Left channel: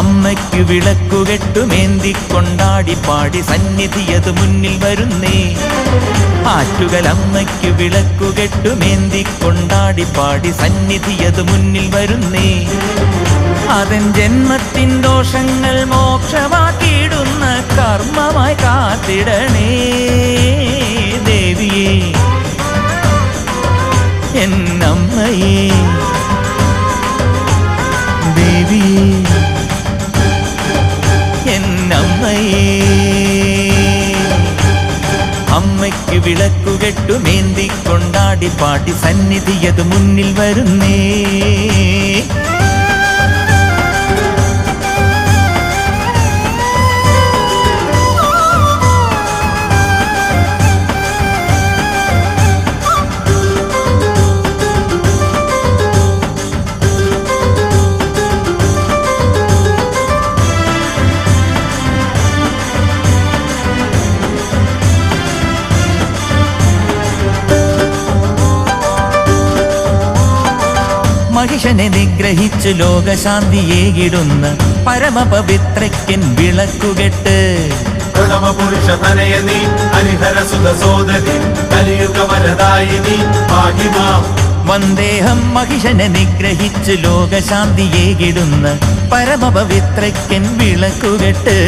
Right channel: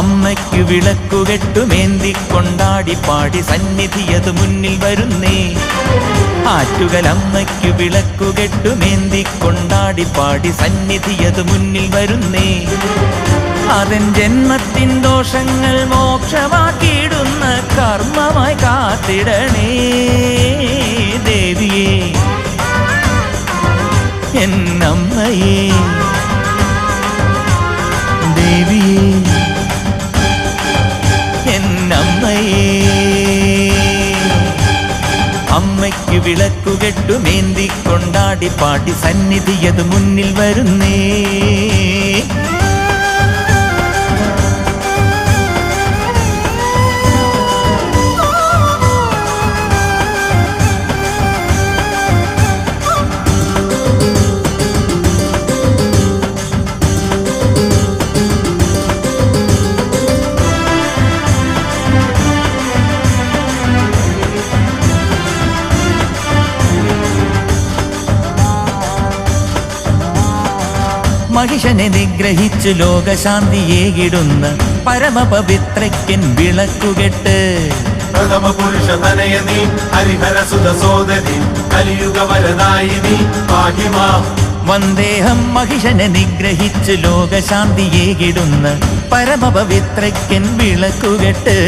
അമ്മയ്ക്കു വിളക്കുകെട്ടുമേന്തിക്കൊണ്ടാടി പാടി സന്നിധിയതു മുന്നിൽ വരുന്നേ. ആറ്റുകലമ്മയ്ക്കു വിളക്കുകെട്ടുമേന്തിക്കൊണ്ടാടി പാടി സന്നിധിയതു മുന്നിൽ വരുന്നേ. അതൻ ജന്മത്തിൻ ദോഷങ്ങൾ മോക്ഷമാക്കിയിടുന്ന കർമ്മമായി കാത്തിടണേ ദേവിയേ എന്നമ്മയേ. ദേവിയേ എന്നമ്മയേ. അമ്മയ്ക്കു വിളക്കുകെട്ടുമേന്തിക്കൊണ്ടാടി പാടി സന്നിധിയതു മുന്നിൽ വരുന്നേ. മഹിഷനെ നിഗ്രഹിച്ചു ലോകശാന്തിയേകിടുന്ന പരമപവിത്രയ്ക്കൻ വിളക്കുകെട്ട്. വന്ദേഹം മഹിഷനെ നിഗ്രഹിച്ചു ലോകശാന്തിയേകിടുന്ന പരമപവിത്രയ്ക്കൻ വിളക്കുകെട്ട്.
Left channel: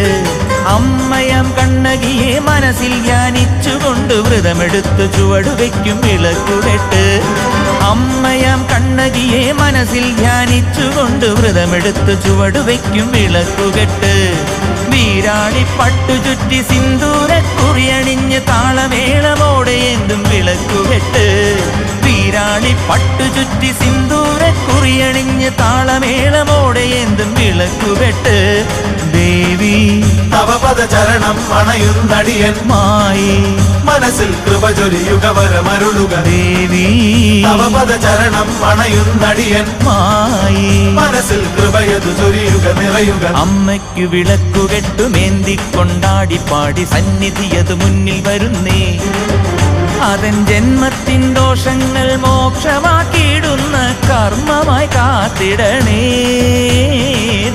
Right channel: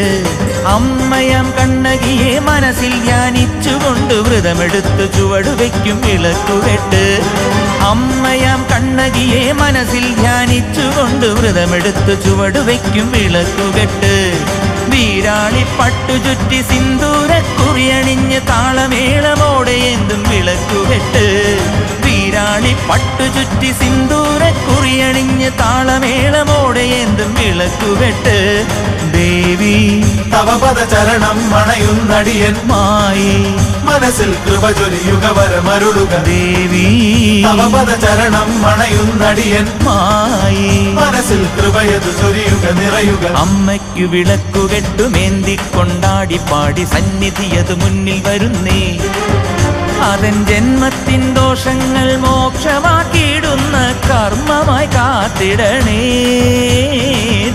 അമ്മയാം കണ്ണകിയെ മനസ്സിൽ ധ്യാനിച്ചുകൊണ്ട് വ്രതമെടുത്തു ചുവടുവയ്ക്കും വിളക്കുകെട്ട്. അമ്മയാം കണ്ണകിയെ മനസ്സിൽ ധ്യാനിച്ചുകൊണ്ട് വ്രതമെടുത്തു ചുവടുവയ്ക്കും വിളക്കുകെട്ട്. വീരാളി പട്ടുചുറ്റി സിന്ദൂരക്കുറിയണിഞ്ഞ് താളമേളമോടെ എന്തും വിളക്കുകെട്ട്. വീരാളി പട്ടുചുറ്റി സിന്ദൂരക്കുറിയണിഞ്ഞ് താളമേളമോടെ എന്തും വിളക്കുകെട്ട്. ദേവി മായേ ദേവി മായേ. അമ്മയ്ക്കു വിളക്കുകെട്ടുമേന്തിക്കൊണ്ടാടി പാടി സന്നിധിയതു മുന്നിൽ വരുന്നേ. അതൻ ജന്മത്തിൻ ദോഷങ്ങൾ മോക്ഷമാക്കിയിടുന്ന കർമ്മമായി കാത്തിടണേ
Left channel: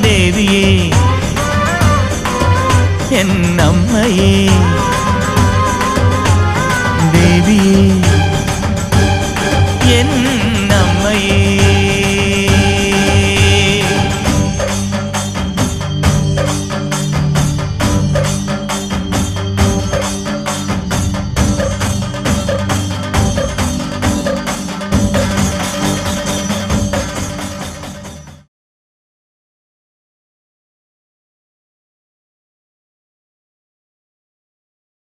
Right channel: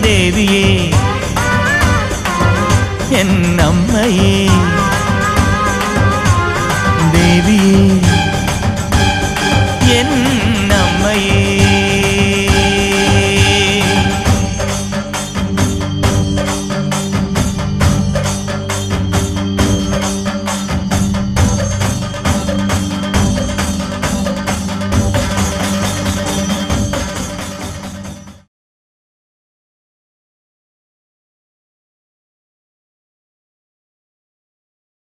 ദേവിയേ എന്നമ്മയേ. ദേവിയേ എന്നമ്മയേ.